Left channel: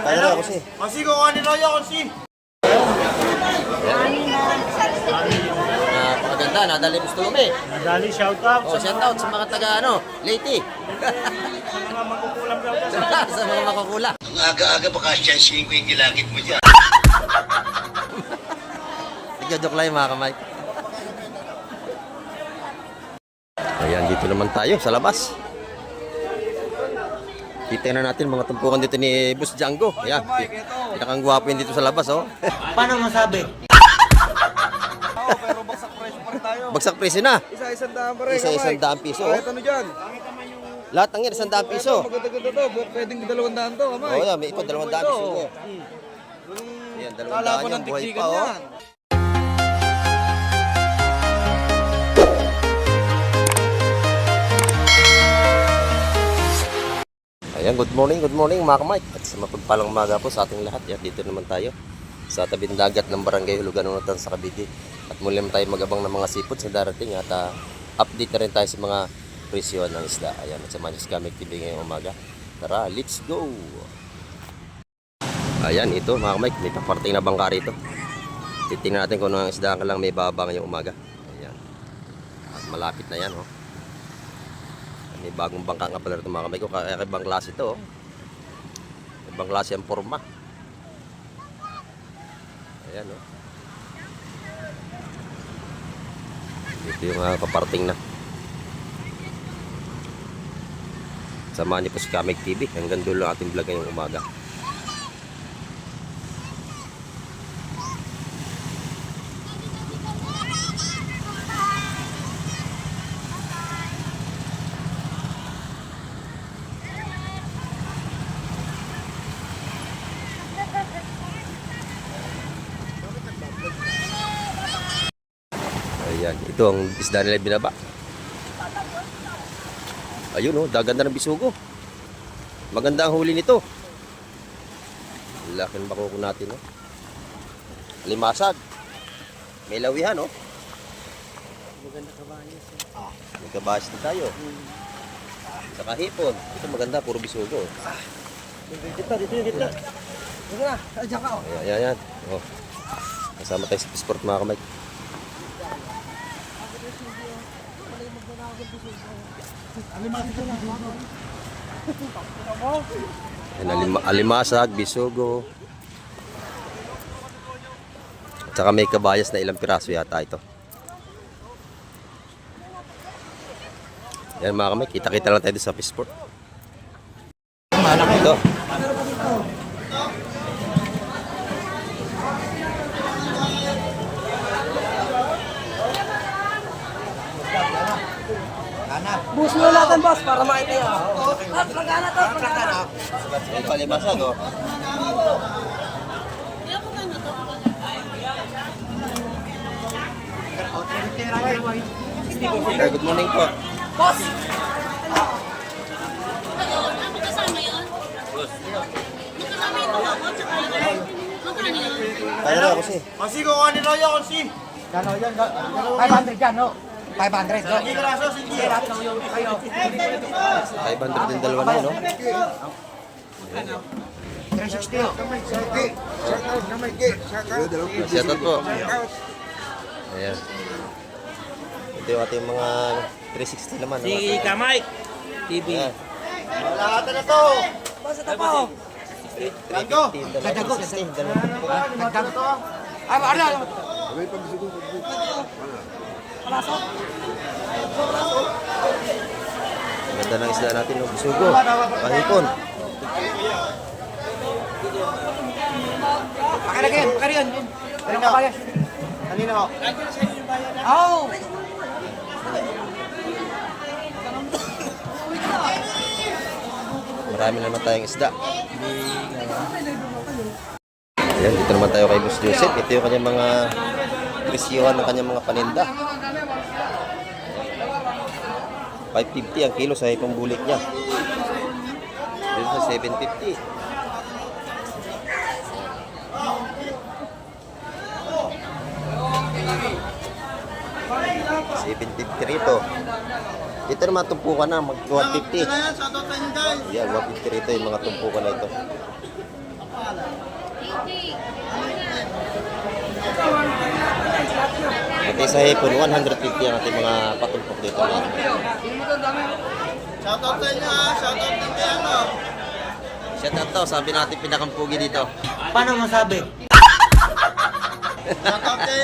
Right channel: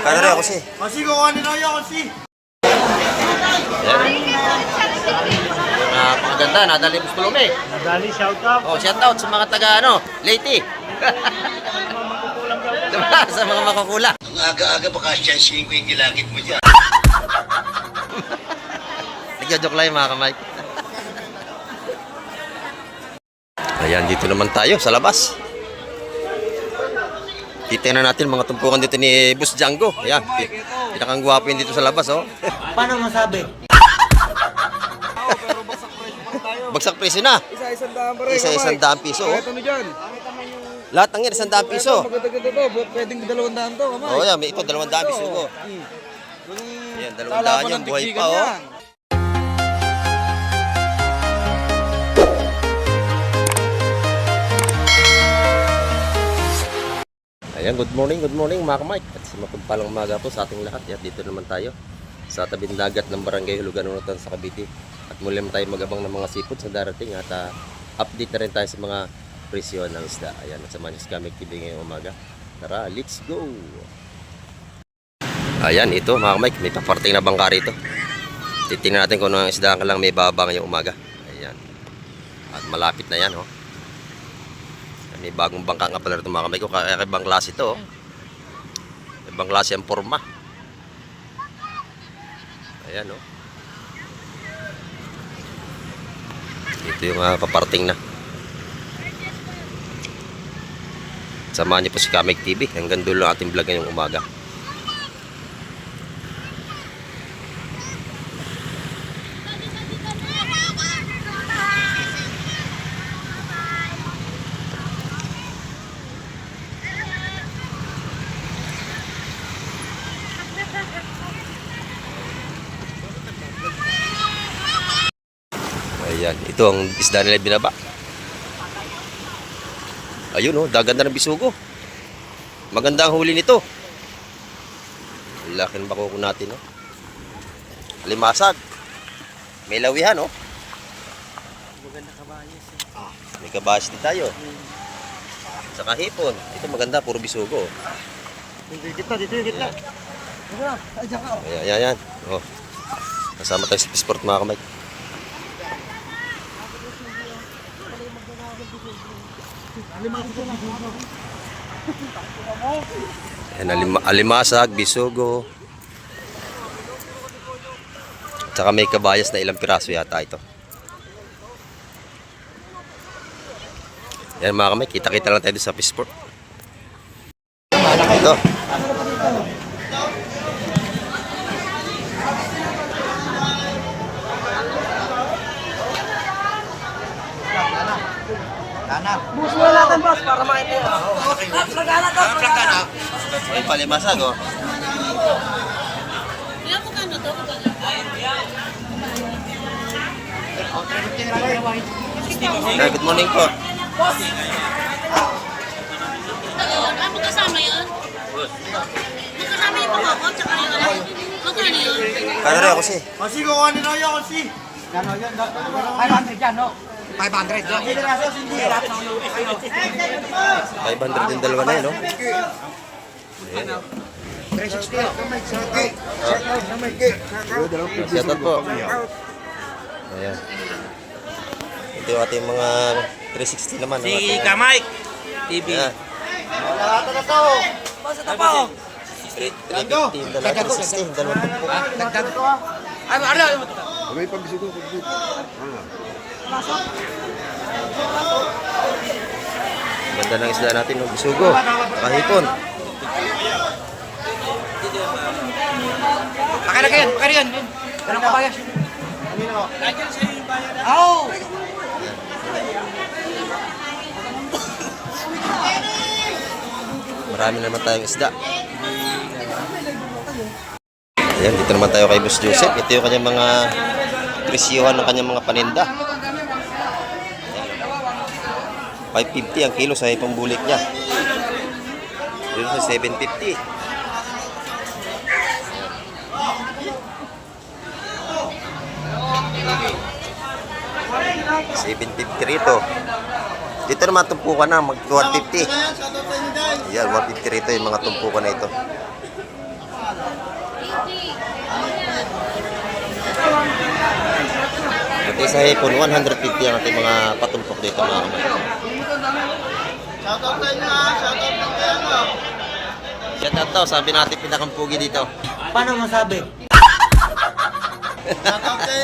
Kano rin ako si? Kasi ko kanina yun, kasi. Ayan. Napakaganda, nadali Bustulome. Nadali, shout out. Oh, shout out sa mga taga Leyte. Sa mga makakula. Ang aga-aga baka siyansihin ko yung gilagit mo dyan. Nagjo-joke lang yung mga kamay. Ayan, dito naman tayo sa labas. Kita na natin mga tumpukan dito ni Boss Django. Ayan, pinakang gwapo yun dito sa labas, oh. Paano masabi? Pero bagsak presyo pa rin tayo. Bagsak presyo na. Isa-isang daan pa rin. Isa-100 piso, oh. Ito mo dyan. Lahat ng yan, 100 piso. Maganda-ganda to. Pwedeng 200 to, kamay. Oh, yan, may ito, 200 piso, oh. Ayan, 200 yun, buhay pa, oh. Ayan, good morning mga kamay. At sa mapagpalang umaga po sa ating lahat. At dito naman tayo sa tabing dagat ng barangay Hulugan Unutan sa Cavite. At muli naman tayo magabang ng mga sipot sa darating at update na rin tayo sa mga presyo ng isda. Ayan, at sa Manchester Kamek TV ngayong umaga. Tara, let's go! Ayan, ito mga kamay, may paparting na bangka rito. Titingnan natin kung anong isda ka lang may baba ngayong umaga. Ayan. At malapit na yan, oh. May bagong bangka nga pala rito mga kamay ko. Kaya ibang klase ito, oh. Ibang klase ang forma. Ayan, oh. Ito yung paparting na. Samahan niyo po si Kamek TV. Hanggang dulo ang ating vlog ngayong umaga. Ayan, ito ang isda nila binaba. Ayun, oh, dagan na ng bisugo. Maganda ang huli nito. Laki ng bakoko natin, oh. Alimasag. May lawihan, oh. Maganda kabayas. May kabayas din tayo. Saka hipon. Ito maganda, puro bisugo. Dito. Ayan, ayan. Oh. Kasama tayo sa Sport mga kamay. Ayan, alimasag, bisugo. At saka may kabayas na ilang piraso yata ito. Ayan mga kamay, kita-kita lang tayo sa Sport. Ito. Bus mo natin, boss, para makita yun. Plagana to, plagana. May palimasag, oh. Sir, good morning po. Boss! Ano kasama yun? Kasama yung mga ko, tsaka yung magkano yun? Kano rin ako si? Kasi ko kanina yun, kasi. Gano'n yan? 500 yan, no? 500, no? 500 din dalawa na yun, no? Ayan. 360, no? Shoutout po. Ayan. Ito yung ating mga 360 naman. Si Kamay TV. Ayan. Lahat na to. Basta ito pa, oh. 350, dalawa 360, dalawa po. Ano? Ganda ng isda natin, no? Bisugo, kahipon. Pakala yan. Anong kabayas? Kanina ko. Oh! Marami naman tayong isda. Ayan, dito naman tayo kay Boss Joseph. Ito yung kanyang mga presyohan ng kanyang mga paninda. 550 ang kilo sa ipang bulik niya. Dito sa 750. $750 rito. Dito naman tumpukan na, mag 150. Ayan, shoutout sa inyo guys. Ayan, 150 rito yung mga tumpukan na ito. Pati sa hipon, 150 ang ating mga patumpok dito mga kamay. Shoutout sa inyo ha. Shoutout din kay ano. Shout out to, sabi natin pinakampugi dito. Paano masabi? Shoutout kay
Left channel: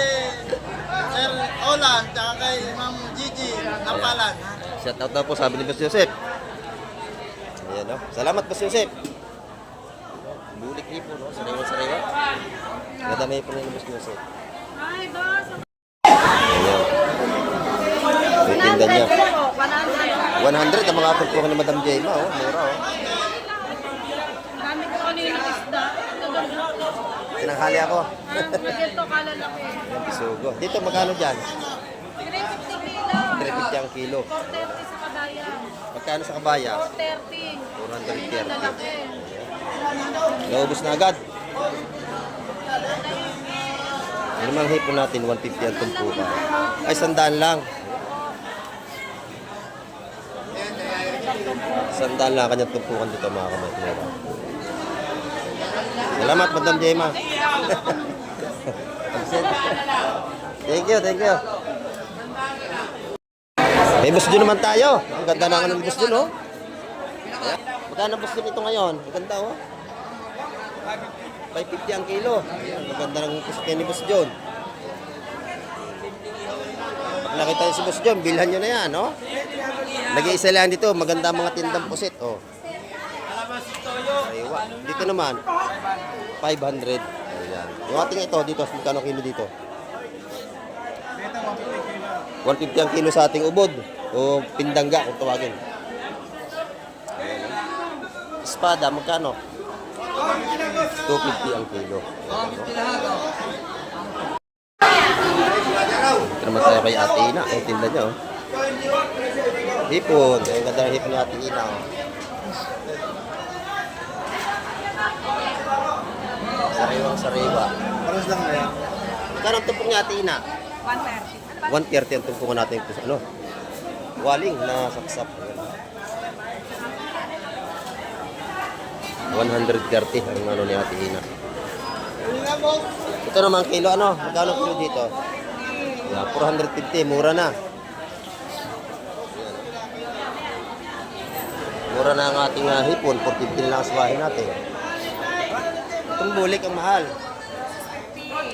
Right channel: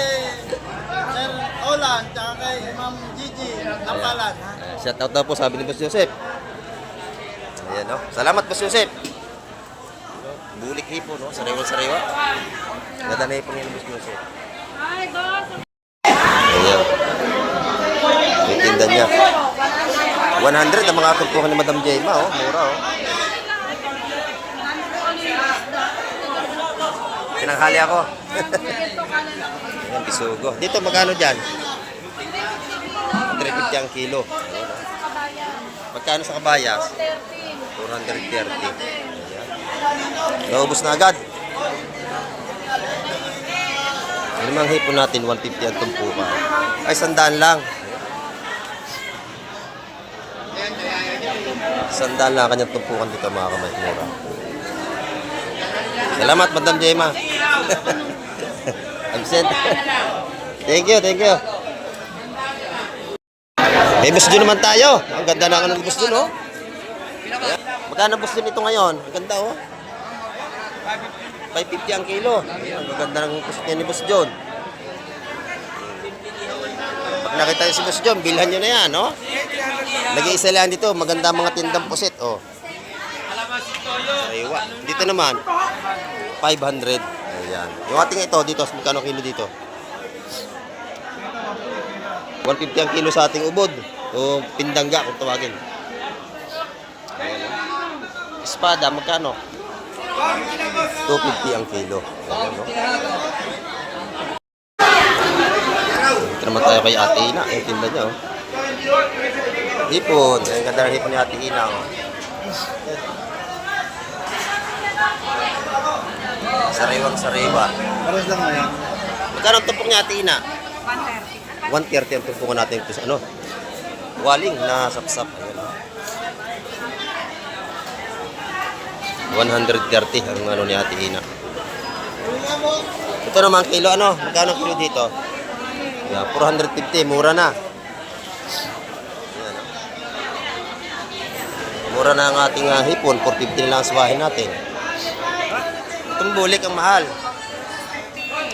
Sir Olan, tsaka kay Ma'am Gigi Nampalan. Ha? Ayan, shout out daw po, sabi ni Boss Joseph. Ayan, no? Salamat, Boss Joseph. Bulik hipon, no? Sariwa-sariwa. Ganda na hipon ni Boss Joseph. Ayan. Yung tinda niya. 100 ang mga tumpukan ni Madam Jema, oh. Mura, oh. Pinanghali ako. Ayan, bisugo. Dito, magkano dyan? 350 ang kilo. Magkano sa kabayas? 430. Ayan. Naubos na agad. Ano mang hipon natin? 150 ang tumpukan. Ay, 100 lang. 100 lang kanyang tumpukan dito mga kamay. Mura. Salamat, Madam Jema. Absent. Thank you, thank you. May bus dun naman tayo. Ang ganda na ng bus dun, oh. Ayan. Magkano bus dun ito ngayon? Ang ganda, oh. 550 ang kilo. Ayan, ang ganda ng bus ni Bus John. Pag nakita niyo si Bus John, bilhan nyo na yan, oh. Nag-iisa lang dito. Maganda mga tindang pusit, oh. Sariwa. Dito naman, 500. Ayan. Yung ating ito, dito, magkano kilo dito? 150 ang kilo sa ating ubod. O pindangga kung tawagin. Ayan. Espada, magkano? 250 ang kilo. Ayan, no? Dito naman tayo kay Ate Ina. Ang tinda niya, oh. Hipon. Ang ganda ng hipon ni Ate Ina, oh. Sariwang sariwa. Pares lang yan. Magkano ang tumpok ni Ate Ina? 130 ang tumpukan natin ito sa ano? Waling na sapsap. Ayan. 130 ang ano ni Ate Ina. Ito naman kilo ano? Magkano ang kilo dito? Yeah, 450. Mura na. Ayan, oh. Mura na ang ating hipon. 450 na lang ang swahin natin. Itong bulik ang mahal.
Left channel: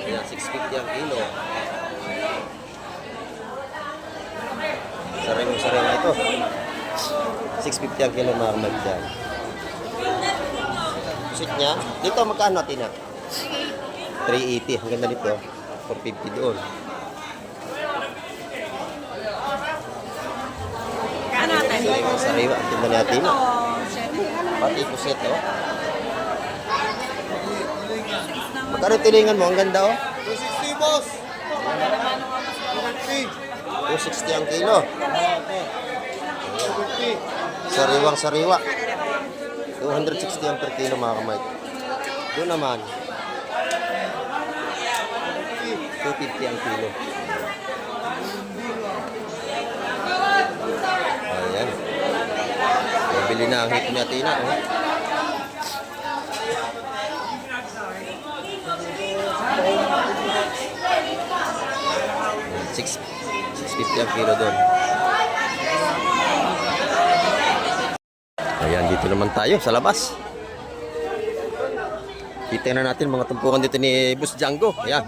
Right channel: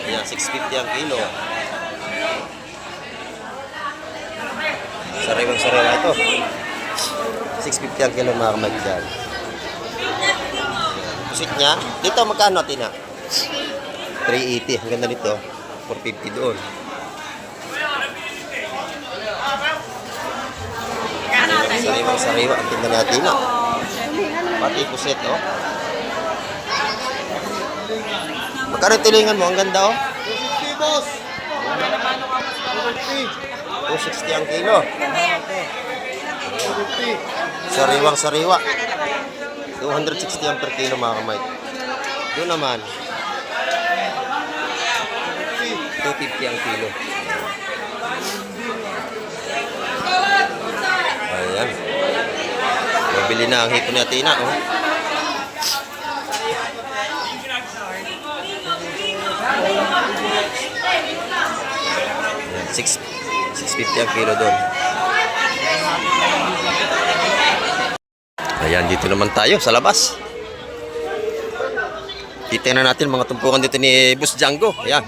Ayan, 650 ang kilo. Sariwang-sariwa ito. 650 ang kilo mga kamay dyan. Pusit niya. Dito magkano natin na? 380. Ang ganda nito. 450 doon. Sariwang-sariwa ang tinda natin na. Pati pusit, oh. Magkano yung tulingan mo? Ang ganda, oh. 260 boss. 260 ang kilo. Sariwang-sariwa. 260 ang per kilo mga kamay. Doon naman 250 ang kilo. Ayan. Mabili na ang hipon ni Ate Ina, oh. Ayan, 650 ang kilo doon. Ayan, dito naman tayo sa labas. Titingnan natin mga tumpukan dito ni Boss Django. Ayan,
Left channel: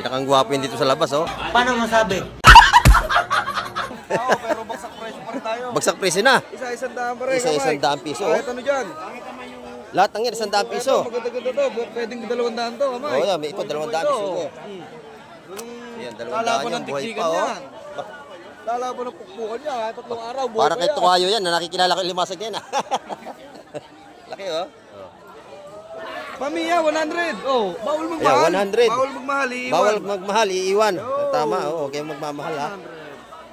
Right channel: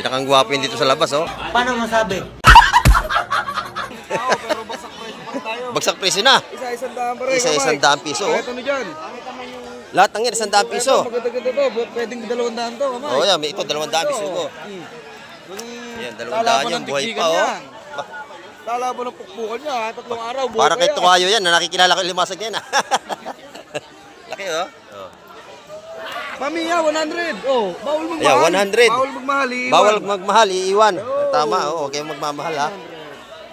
pinakang gwapo yun dito sa labas, oh. Paano masabi? Pero bagsak presyo pa rin tayo. Bagsak presyo na. Isa-isang daan pa rin. Isa-isang daang piso, oh. Ano dyan? Lahat ng yan, 100 piso. Maganda-ganda to. Pwedeng 200 to, kamay. Oh, yan, may ito, 200 piso ko. Ayan, 200 yung buhay pa, oh. Lalaban ng pukpukan niya. 3 araw. buhay Parang pa kay yan. Tukayo yan, na nakikilala ko yung limasag niyan, ah. Laki, oh. Oh. Pamiya, 100. Oh, bawal magmahal. Ayan, 100. Bawal magmahal. iiwan. Bawal magmahal, iiwan. Tama, oh, huwag kayong magmamahal, ha.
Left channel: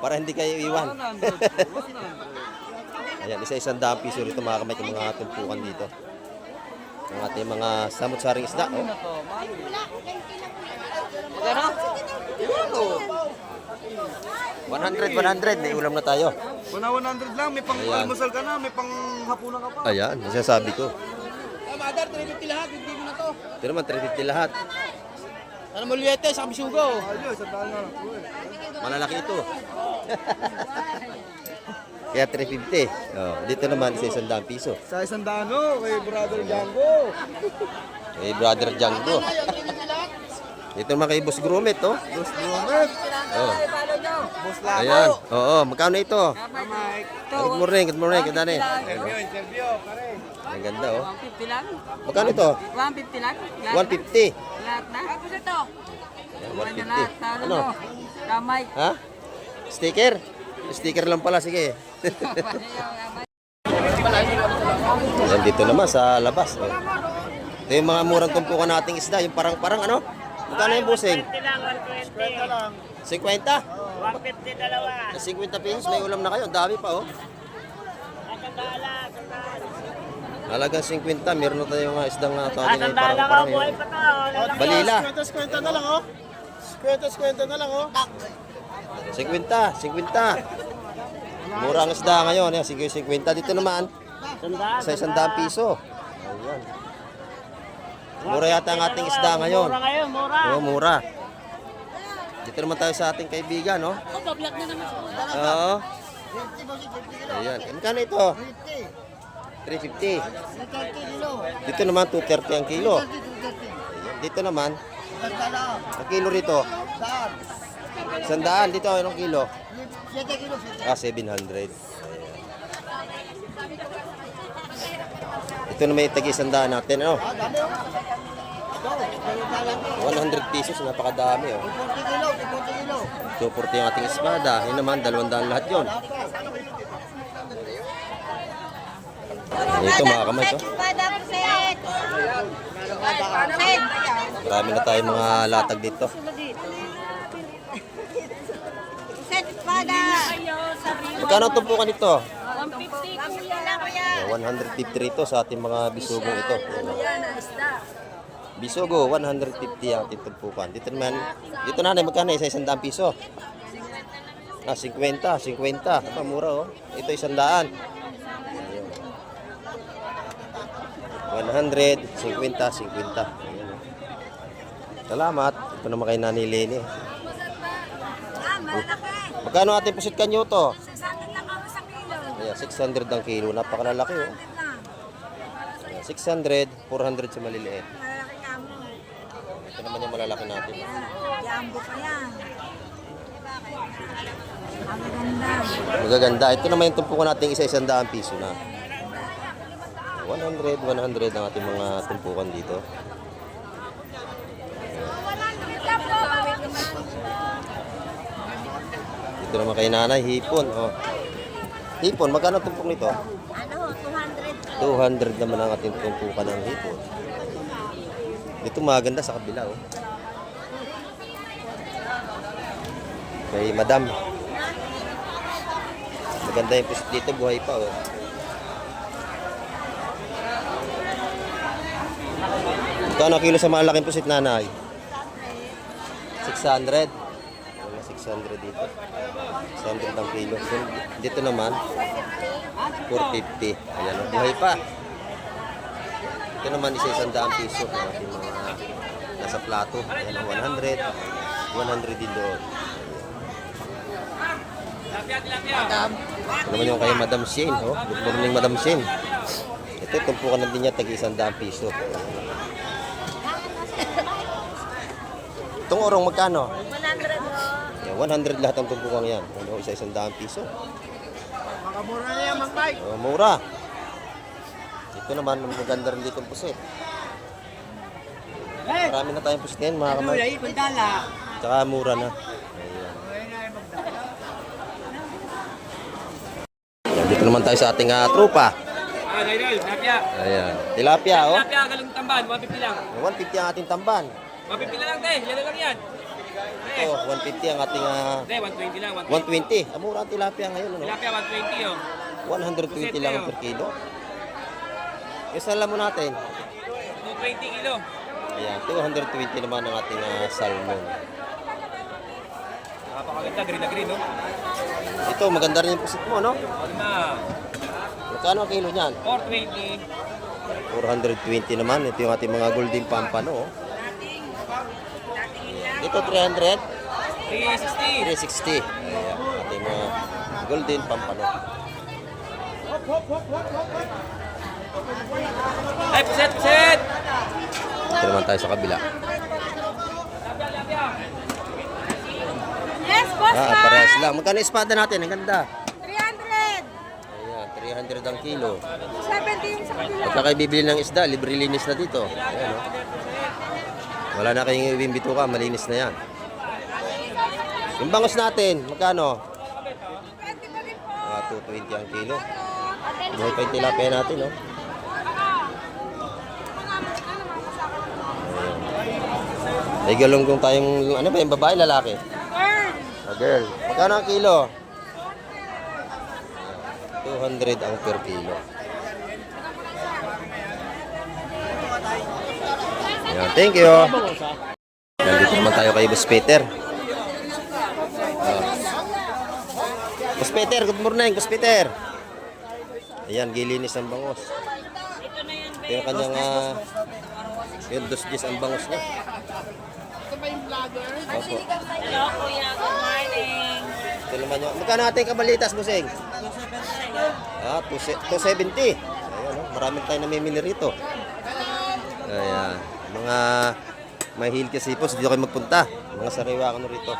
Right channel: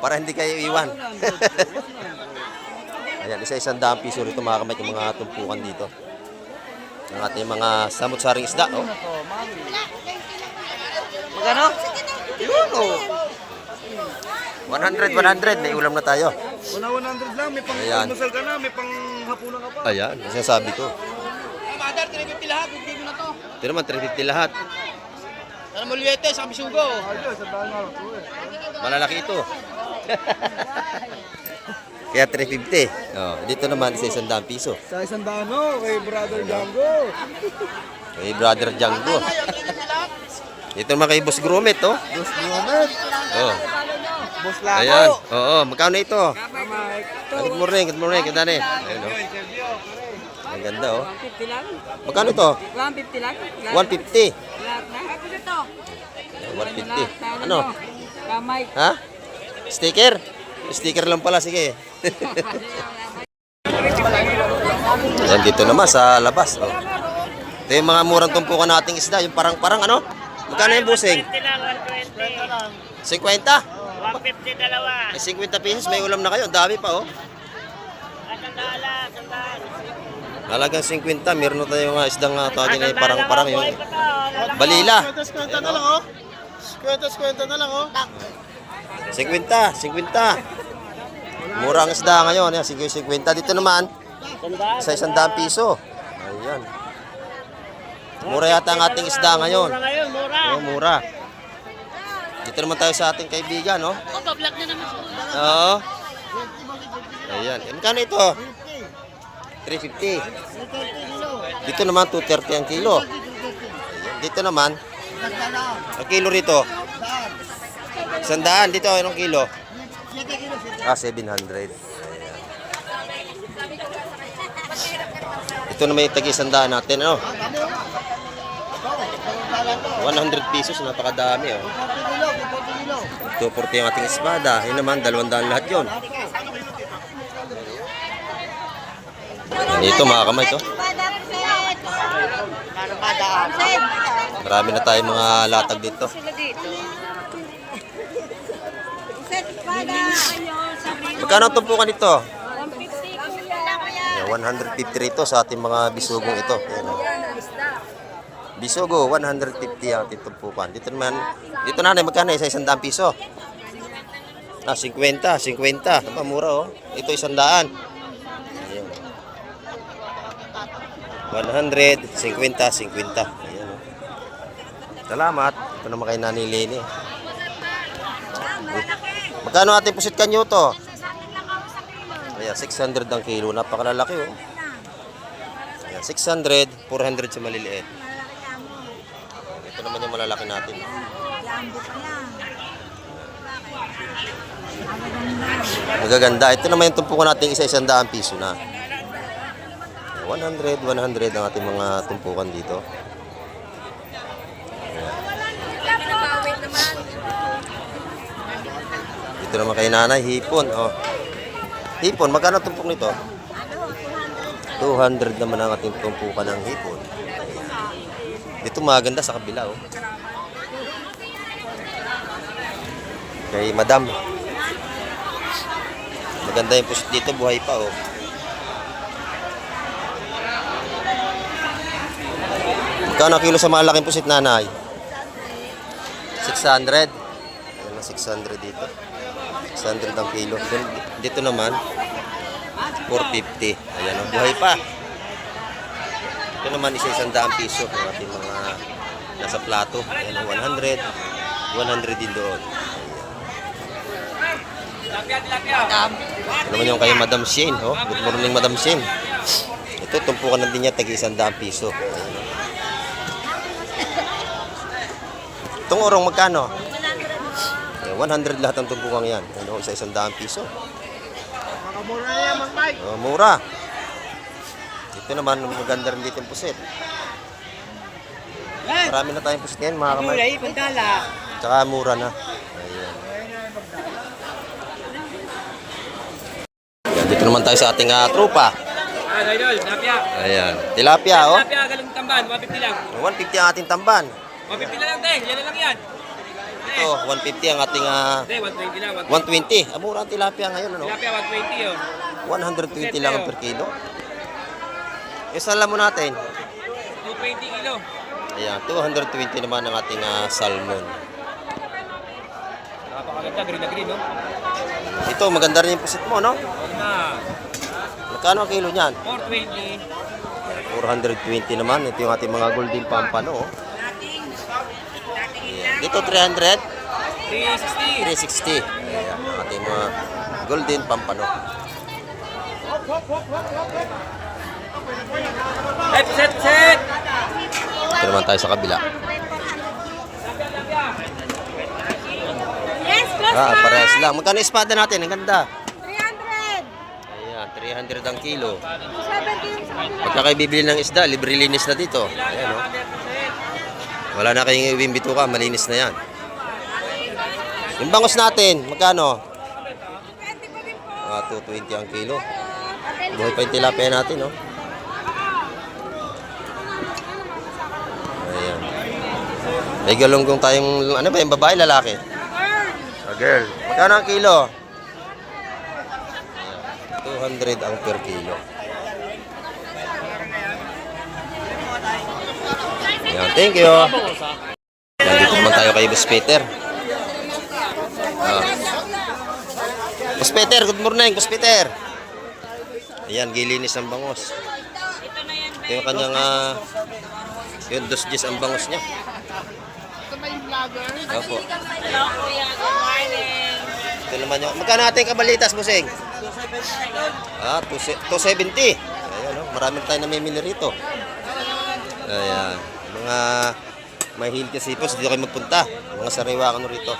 Para hindi kayo iiwan. 100. Ayan, isa-isang daang piso rito mga kamay, yung mga tumpukan dito. Ang ating mga samut-saring isda, oh. Gano? 100, may ulam na tayo. 100 lang, may pang Ayan. almusal ka na, may pang hapunan ka pa. Ayan, sinasabi ko. Mother, 350 lahat. Hindi mo na to. Ito naman, 350 lahat. Ano mo liwete sa bisugo? Malalaki ito. Kaya 350. Oh, dito naman, isa 100 piso. Sa isang dano, kay Brother Django. Kay Brother Django. Dito naman kay Boss Grumit, oh. Boss Buonet. Oh. Boss Lako. Ayan. Oo, magkano ito? Mike. Good morning, good morning. Ganda ni. Ayun, oh. Sergio, pare. Ang ganda, oh. 150 lang. Magkano ito? 150 lang. 150. Lahat na. Ako na to. Ayan, 150. Ano? Kamay. Ha? Sticker? Sticker lang pala, sige. Ayan, dito naman sa labas, oh. Ito yung mga murang tumpukan nating isda, yung parang-parang, ano? Magkano yung busing? 50? 150 dalawa. Ay, 50 pesos, may ulam na kayo. Ang dami pa, oh. Halagang 50, meron na tayong isdang tawagin na yung parang-parang yung balila. Kwenta na lang, oh. Kwenta na lang, oh. 50. Mura ang isda ngayon, 50. Dito naman, sa 100 piso. Ayan. Mura yata ang ating isda ngayon. Mura. Mura. Dito naman tayo sa ating kaibigan, no? Oh, bablog na naman po. Oo. Ayan. Magkano ito? 350. Dito naman, 230 ang kilo. Ayan. Dito naman, ang kilo rito. 100. Dito, anong kilo? 700. Ayan. Ito naman yung tagi-100 natin, ano? 100 pesos, napakadami, oh. 240 ang ating espada. Yun naman, 200 lahat yun. Ito, mga kamay, ito. Marami na tayong mga latag dito. Magkano ang tumpukan ito? 150 rito sa ating mga bisugong ito. Ayan, oh. Bisugo, 150 ang ating tumpukan. Dito naman, dito na magkano? Isa 100 piso. 50. Tama, mura, oh. Ito 100. Ayan. 100, 50. Ayan, oh. Salamat. Ito naman kay Nani Lene. Magkano ating pusit kanyo to? 600 ang kilo. Napakalalaki, oh. Ayan, 600, 400 sa maliliit. Ito naman yung malalaki natin. Yambo pa yan. Magaganda. Ito naman yung tumpukan natin isa 100 piso na. 100 ang ating mga tumpukan dito. Dito naman kay nanay, hipon. Oh. Hipon, magkano tumpok nito? 200 naman ang ating tumpukan ng hipon. Dito maganda sa kabila, oh. Kay madam. Maganda yung pusit dito, buhay pa, oh. Magkano kilo sa malaking pusit, nanay? 600. Ayan na, 600 dito. 600 ang kilo. Dito naman, 450. Ayan, oh, buhay pa. Ito naman isa 100 piso ng ating mga nasa plato. Ayan, 100 din doon. Ito naman yung kay Madam Shane. Oh. Good morning, Madam Shane. Ito, tumpukan na din niya, tagi 100 piso. Itong orong magkano? 100 lahat ang tumpukan yan. Ano, isa 100 piso. Makamura na yan, Mang Mike. Oh, mura. Ito naman, maganda rin dito yung pusit. Marami na tayong pusit ngayon, mga kamay. Tsaka mura na. Ayan. Ayan, dito naman tayo sa ating trupa. Idol, tilapia. Ayan. Tilapia, oh. Tilapia, galing tamban, 150 lang. 150 ang ating tamban. 150 na lang, te. Yan na lang yan. Ito, 150 ang ating Te, 120 lang. 120. Mura ang tilapia ngayon, ano? Tilapia, 120 yun. 120 lang ang per kilo. Yung salmon natin. 220 kilo. Ayan, 220 naman ang ating salmon. Napakaganda, green na green, no? Ito, maganda rin yung pusit mo, no? O naman. Magkano ang kilo niyan? 420. 420 naman. Ito yung ating mga golden pampano. Oh. Ayan. Dito 300, 360. 360. Ayan, ang ating mga golden pampano. Ay, puset, puset! Ito naman tayo sa kabila. Yes, boss. Parehas lang. Magkano yung espada natin? Ang ganda. 300. Ayan, 300 ang kilo. 70 yung sa kanila. Pagka kayo bibili ng isda, libre linis na dito. Ayan, oh. Wala na kayong iuwing bituka, malinis na yan. Yung bangus natin, magkano? 220 ang kilo. Buhay pa yung tilapia natin, no? Ayan. May galunggong tayong, ano ba yung babae, lalaki? A girl. Magkano ang kilo? 200 ang per kilo. Ayan, thank you. Nandito naman tayo kay Boss Peter. Boss Peter, good morning, Boss Peter. Ayan, gilinis ng bangos. Ito yung kanyang, yung 2 ang bangos niya. Opo. Hello, kuya. Good morning. Ito naman yung, magkano ating kabalitas, Busing? 270. Ayan, oh, marami tayong namimili rito. Ayan, mga may healthy sipos, dito kayo magpunta. Mga sariwa ano rito.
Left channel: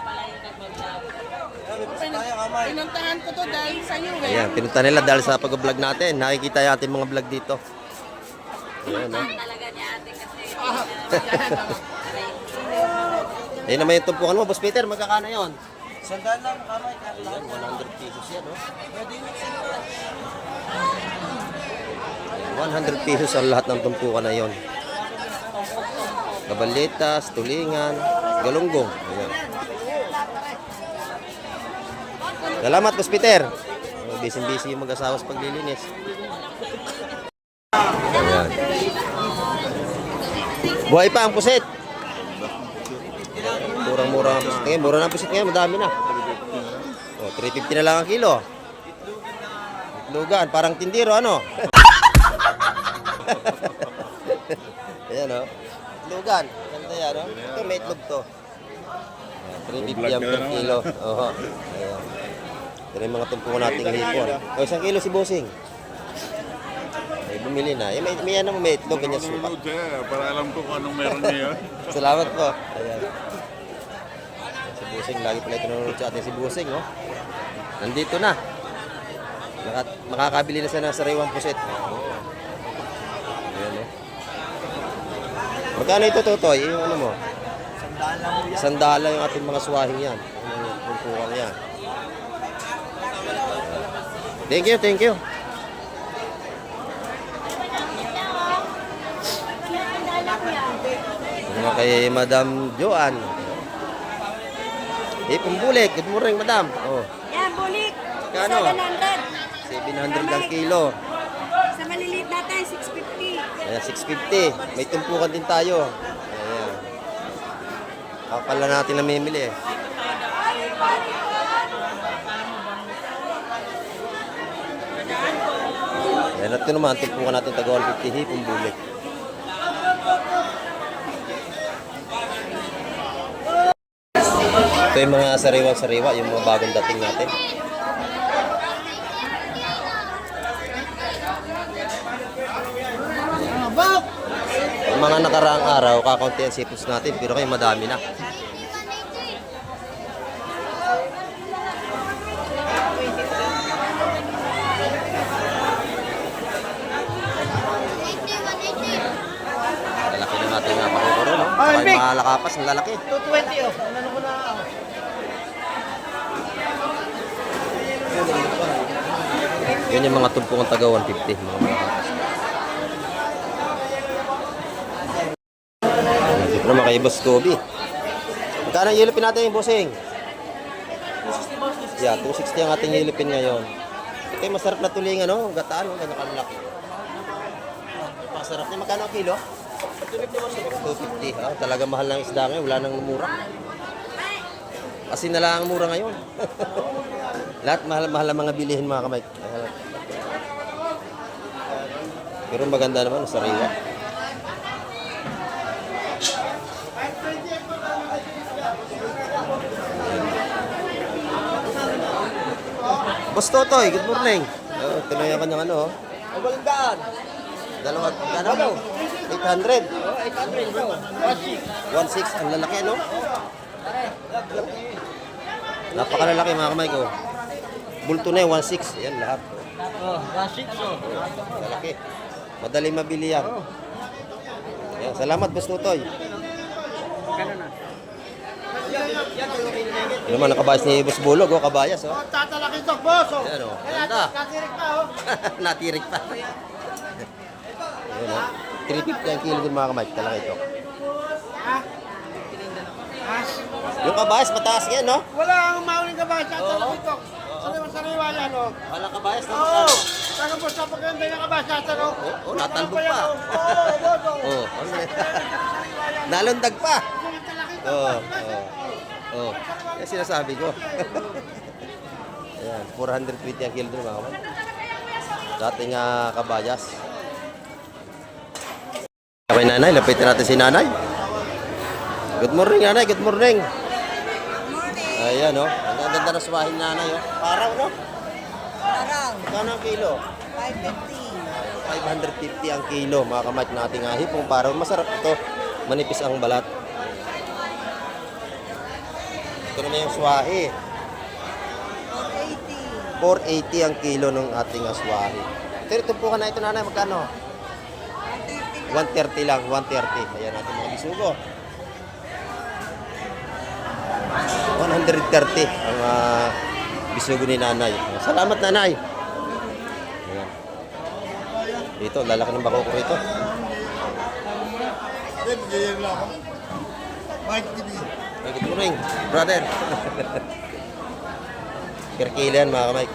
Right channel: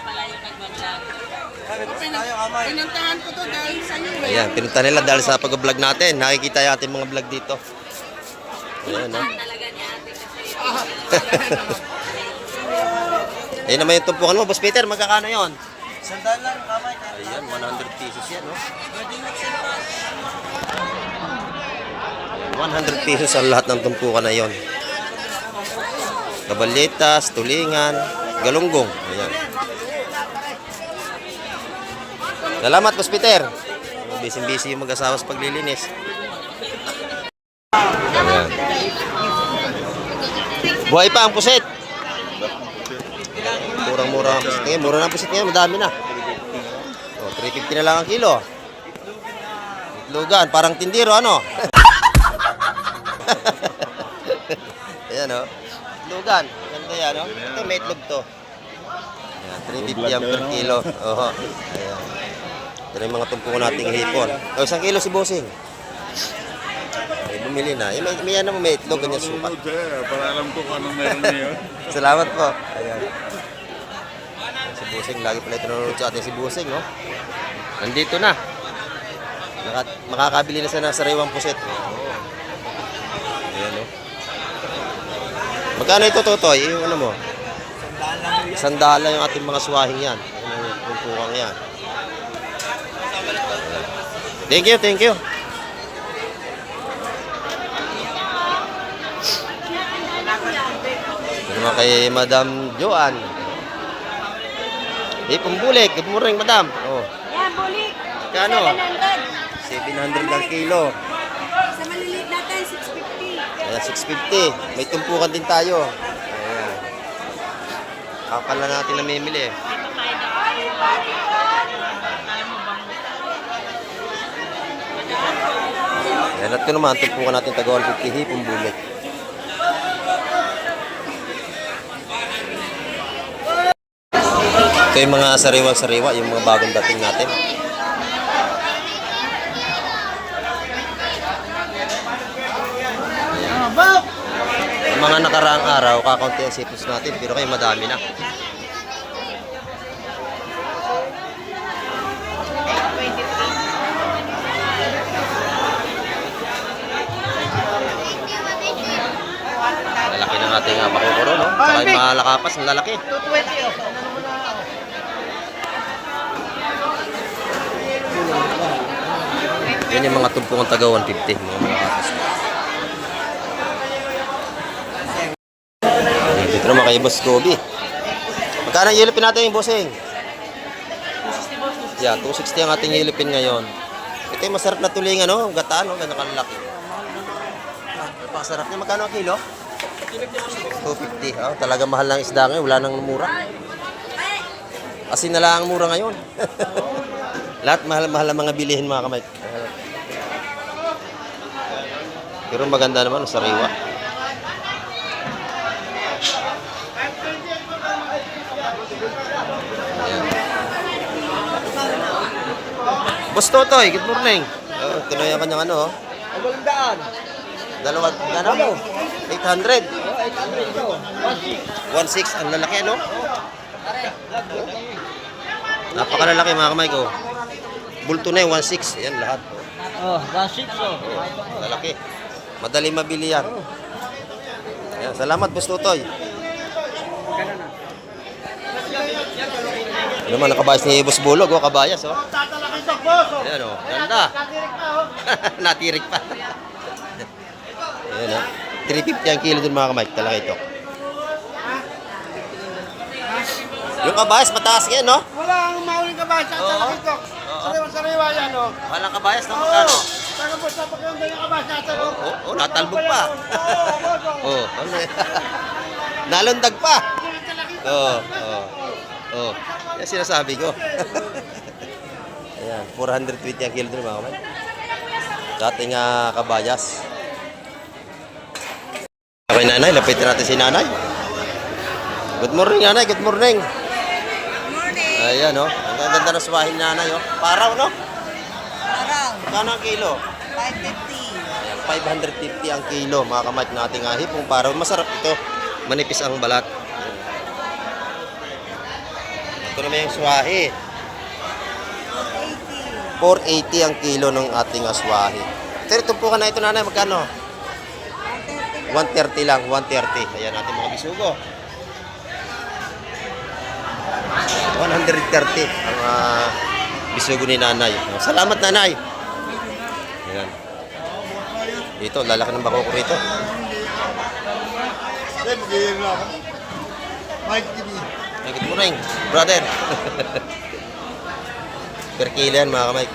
Pinuntahan ko to dahil sa iyo. Ayan, pinunta nila dahil sa pag-vlog natin. Nakikita yung ating mga vlog dito. Ayan, no? Talaga niya ate kasi. Ayan naman yung tumpukan mo, Boss Peter. Magkakano yun? Sandal lang, kamay. Ayan, 100 pesos yan, no? 100 pesos ang lahat ng tumpukan na yon. Kabalitas, tulingan, galunggong. Ayan. Salamat, Boss Peter. Busy-busy yung mag-asawa sa paglilinis. Ayan. Buhay pa ang pusit. Murang-mura ang pusit ngayon. Mura na ang pusit ngayon. Madami na. O, 350 na lang ang kilo. Itlogan. Parang tindiro, ano? Ayan, o. Itlogan. Ganda yan, o. Ito, may itlog to. Ayan, 350 ang per kilo. Oho. Ayan. Ito na yung mga tumpukan nating hipon. O, 1 kilo si Bossing. Ay, bumili na. May ano mo, may itlog, ganyan sukat. Para alam ko kung anong meron ngayon. Salamat po. Ayan. Si Busing, lagi pala ito nanonood sa atin si Busing, no? Nandito na. Makakabili na siya ng sariwang puset. Oo. Ayan, no? Magkano ito, Totoy? Yung ano mo? Sandala yung ating mga suwahing yan. Yung pupukang yan. Thank you, thank you. Ito naman kay Madam Joan. Pumbulik. Good morning, Madam. Oh. Yan, bulik. Kano? 700. 700 ang kilo. Sa maliliit natin, 650. Ayan, 650. May tumpukan din tayo. Ayan. Kakal lang natin namimili. Ayan, at ito naman, tumpukan natin taga 150 hipong bulik. Ito yung mga sariwa-sariwa, yung mga bagong dating natin. Yung mga nakaraang araw, kakaunti ang sipos natin, pero kayo madami na. Lalaki ng ating makukuro, no? Saka yung mga lakapas, ang lalaki. 220 Yan yung mga tumpungan taga 150, mga malakapas. Dito naman kay Boss Kobe. Magkano ang yelipin natin yung Bossing? 260. Yeah, 260 ang ating yelipin ngayon. Ito yung masarap na tulingan, no? Gataan, no? Ganyan kalaki. Masarap niya. Magkano ang kilo? 250. Oh, talaga mahal ng isda ngayon. Wala nang mura. Kasi na lang ang mura ngayon. Lahat mahal-mahal ang mga bilihin mga kamay. Pero maganda naman, sariwa. Boss Totoy, good morning. Oh, tuloy ang kanyang ano. Dalawa, ano? 800. 1.6, ang lalaki ano? Napakalalaki mga kamay ko. Bulto na yung 1.6. Ayan lahat. Oh, 1.6 oh. Lalaki. Madali mabili yan. Ayan, salamat Boss Totoy. Ano naman ang kabayas ni Boss Bulog, oh, kabayas, oh. Tatalakitok, boss. Oh. Ayan, oh, ganda. Natirik pa, oh. Natirik pa. Ayan, oh. 350 ang kilo dun mga kamay, talakitok. Yung kabayas, mataas yan, no? Wala ang mauling kabasa sa Oo. talakitok. Sariwa-sariwa yan, oh. Walang kabayas, no? Oo. Magkano? Taga po sa pagkanda yung kabasa sa loob. Oh, natalbog pa. Oo, boss. Oh. Oh, ano yan? Nalundag pa. Oo, oo. Oh, yan sinasabi ko. Ayan, 420 ang kilo dun mga kamay. Sa ating kabayas. Okay, nanay, lapitin natin si nanay. Good morning, nanay. Good morning. Morning. Ayan, oh. Ang ganda ng suwahin nanay, oh. Paraw, no? Araw. Kano ang kilo? 550. Ayan, 550 ang kilo, mga kamay ng ating hipong paraw. Masarap ito. Manipis ang balat. Ito naman yung swahi. 480 ang kilo ng ating aswahi. Pero tumpukan na ito, nanay. Magkano? 130 lang. 130. Ayan natin mga bisugo. 130 ang bisugo ni nanay. Salamat, nanay. Ayan. Dito, lalaki ng bako ko rito. Ay, good morning, brother. Per kilo yan, mga kamay.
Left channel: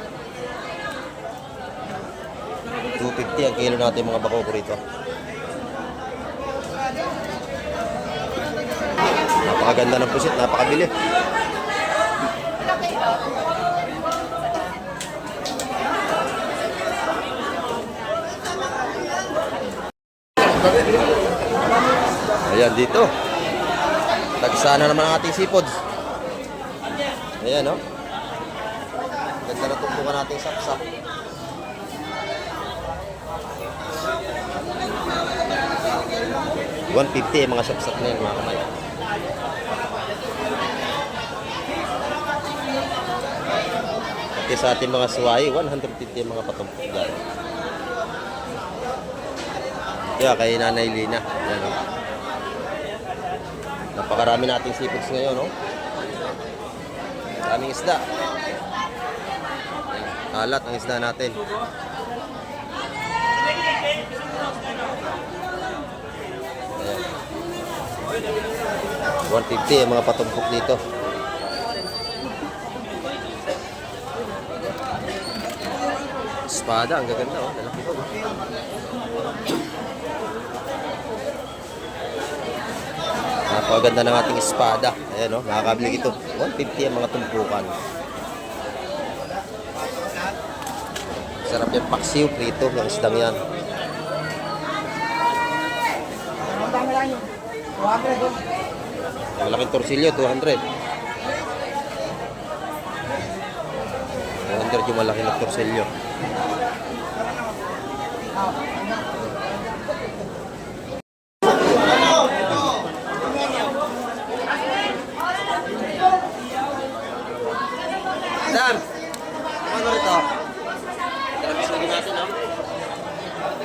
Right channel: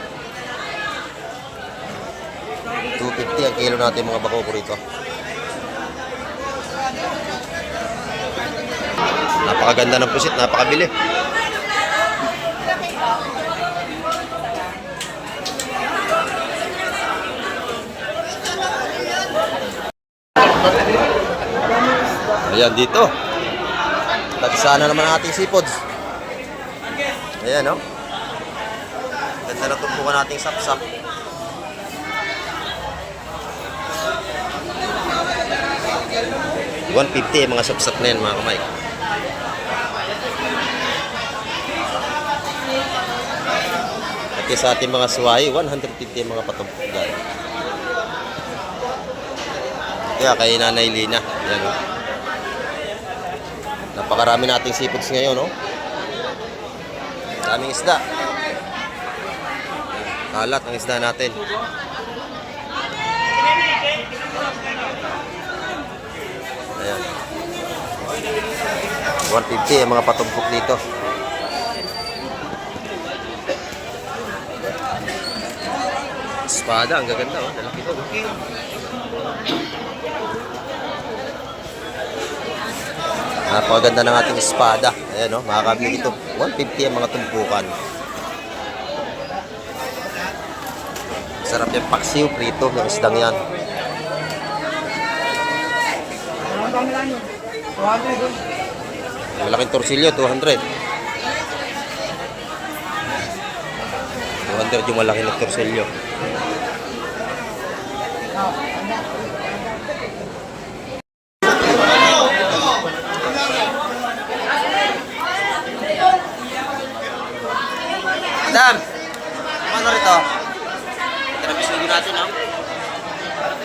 250 ang kilo natin mga bako ko rito. Napakaganda ng pusit, napakabili. Ayan dito. Tagsana naman ang ating seafoods. Ayan, no? Ganda na tumpukan nating sapsap. $150 mga sapsap na yan, mga kamay. Pati sa ating mga suway, 150 mga patumpok dyan. Kaya kay Nanay Lina. Ayan, no? Napakarami nating seafoods ngayon, no? Daming isda. Kalat ang isda natin. Ayan. 150 ang mga patumpok dito. Espada, ang gaganda, oh. Lalaki ito, no? Napakaganda ng ating espada. Ayan, no? Makakabili dito. 150 ang mga tumpukan. Sarap yung paksiw, prito, ng isdang yan. Malaking torsilyo, 200. 200 yung malaki na torsilyo. Madam, ano rito? Ito na bisugo natin, no?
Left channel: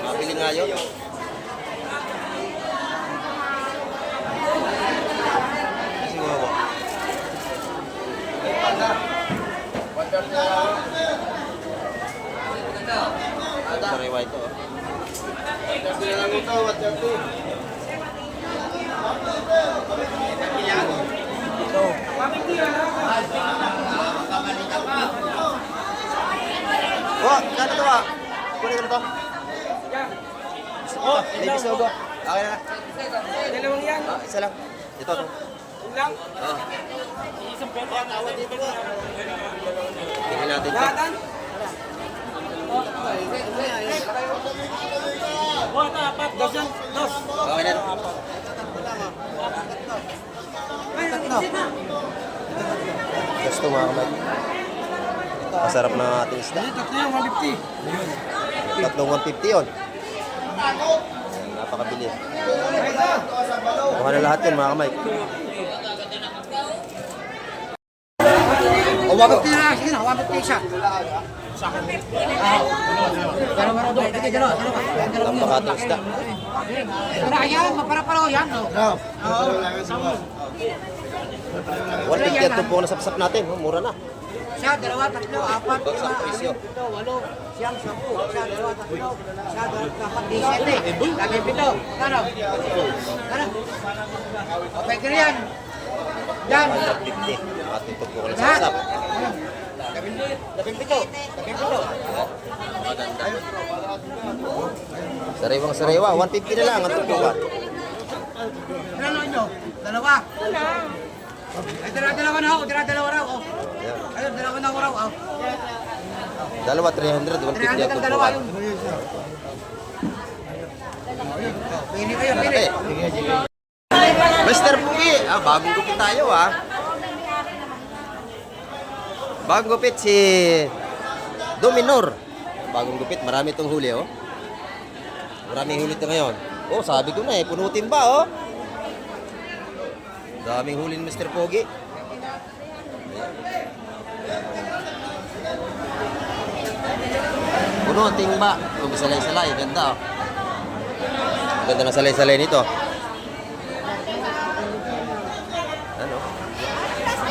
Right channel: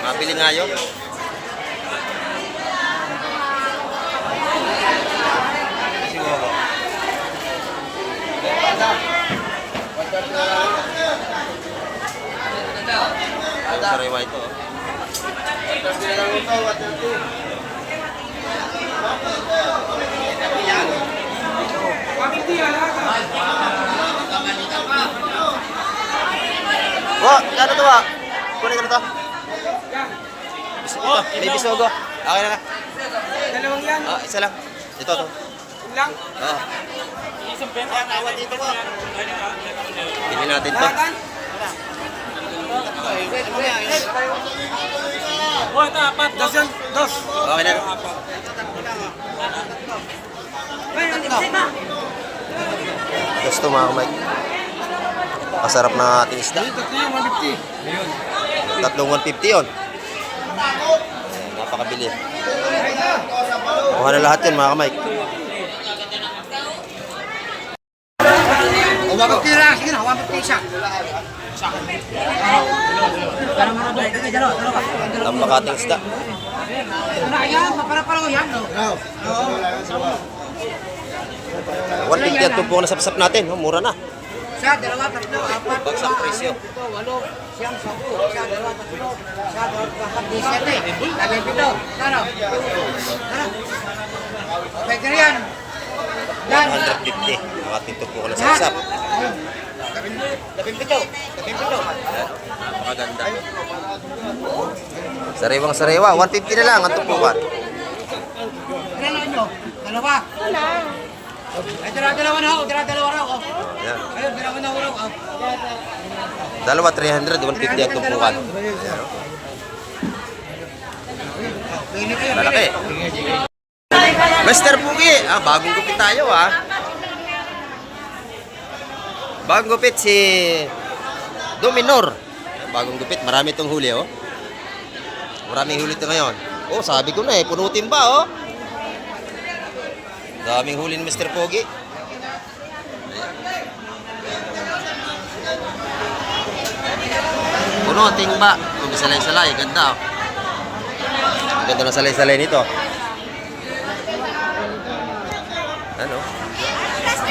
Mabili nga yun. Bisugo ko. Ang sariwa ito, oh. Wa, ano to ba? Kunin ka na to. Ito, may bisugo. Okay na. Dalawang yan. Isa lang. Ito to. Oh. Pili natin to. Oh, ito, apat. Dos. Okay na. Gusto mga kamay. Masarap na ating isda. Tatlong 150 yun. Ayan, napakabili. Kuha na lahat yun mga kamay. Napakating isda. 150 ang tumpok na sapsap natin. Oh, mura na. Siya, dalawa, tatlo, apat, Bagsak presyo. 8, 9, 10, 11, siyang, 10, siya, dalawa, tatlo, siya, dalawa, apat, 17, lagay pito, kano? Kano? Okay, kano yan? Yan. 150. Ang ating tumpok na sapsap. Labing pito. Napakaganda. Sariwang sariwa. 150 na lang ang tumpukan. Kano nyo? Dalawa. Ay, dalawa na ako, dalawa na ako. Ayan. Ayun, dalawa na ako raw. Dalawa 300, 150 ang tumpukan. Pili kayo, Lalaki. Mr. Pugi, bagong gupit tayo Bagong gupit si Dominor. Bagong gupit, marami itong huli Maraming huli ito ngayon. Sabi ko na punutin ba Daming huli ni Mr. Pogi. Punutin ba? Salay-salay, ganda Ganda na salay-salay nito. Ano?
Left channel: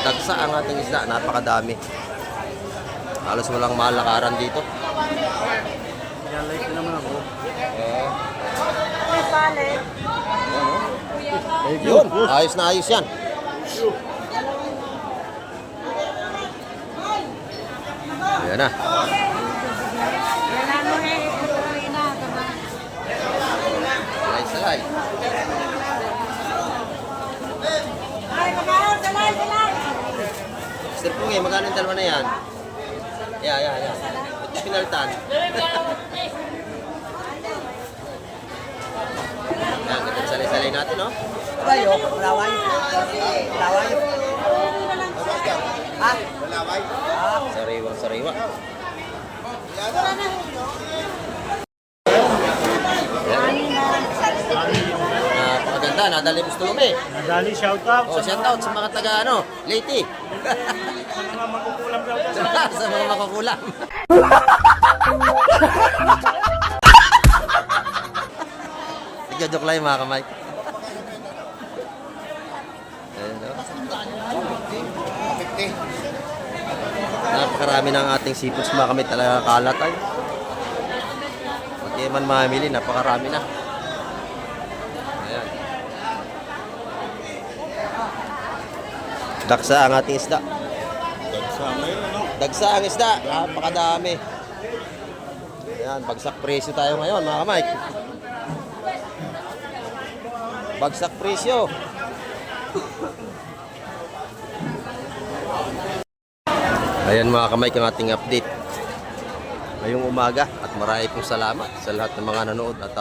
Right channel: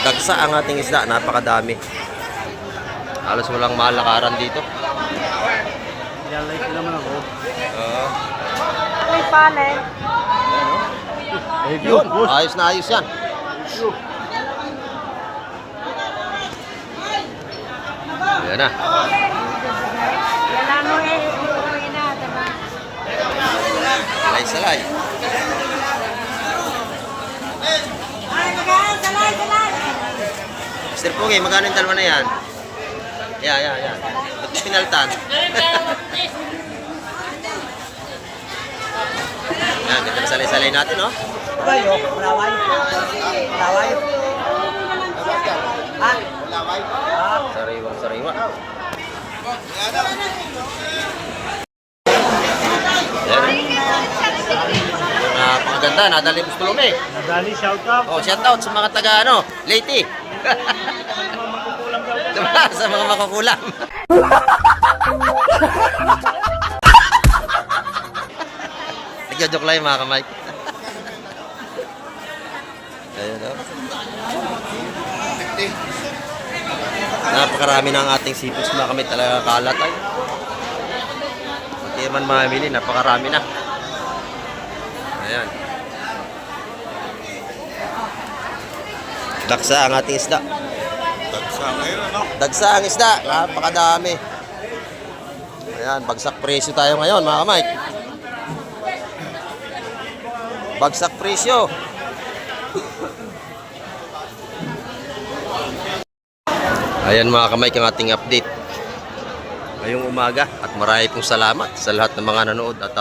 Dagsa ang ating isda, napakadami. Halos walang malakaran dito. Yun, ayos na ayos yan. Yan na. Salay-salay. Mr. Pugi, magkano yung dalawa na yan? Yan. Ba't mo pinaltan? Yan, ganda na salay-salay natin, Kayo, malaway. Sariwang sariwa. Yan. Napakaganda, nadali mo sa Tulumi. Nadali, shout out. Shout out sa mga taga Leyte. sa mga makukulam. Nagjo-joke lang yung mga kamay. Ayun Napakarami ng ating seafoods mga kamay, talaga kalat ay. Pag man mamili, napakarami na. Ayan. Dagsa ang ating isda. Dagsa ang isda, napakadami. Ayan, bagsak presyo tayo ngayon mga kamay. Bagsak presyo. Ayan mga kamay, ang ating update ngayong umaga. At marami pong salamat sa lahat ng mga nanood. At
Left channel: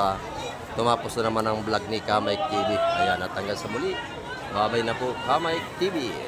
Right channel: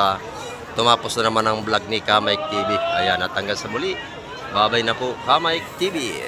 tumapos na naman ang vlog ni Kamay TV. Ayan, at hanggang sa muli. Babay na po, Kamay TV.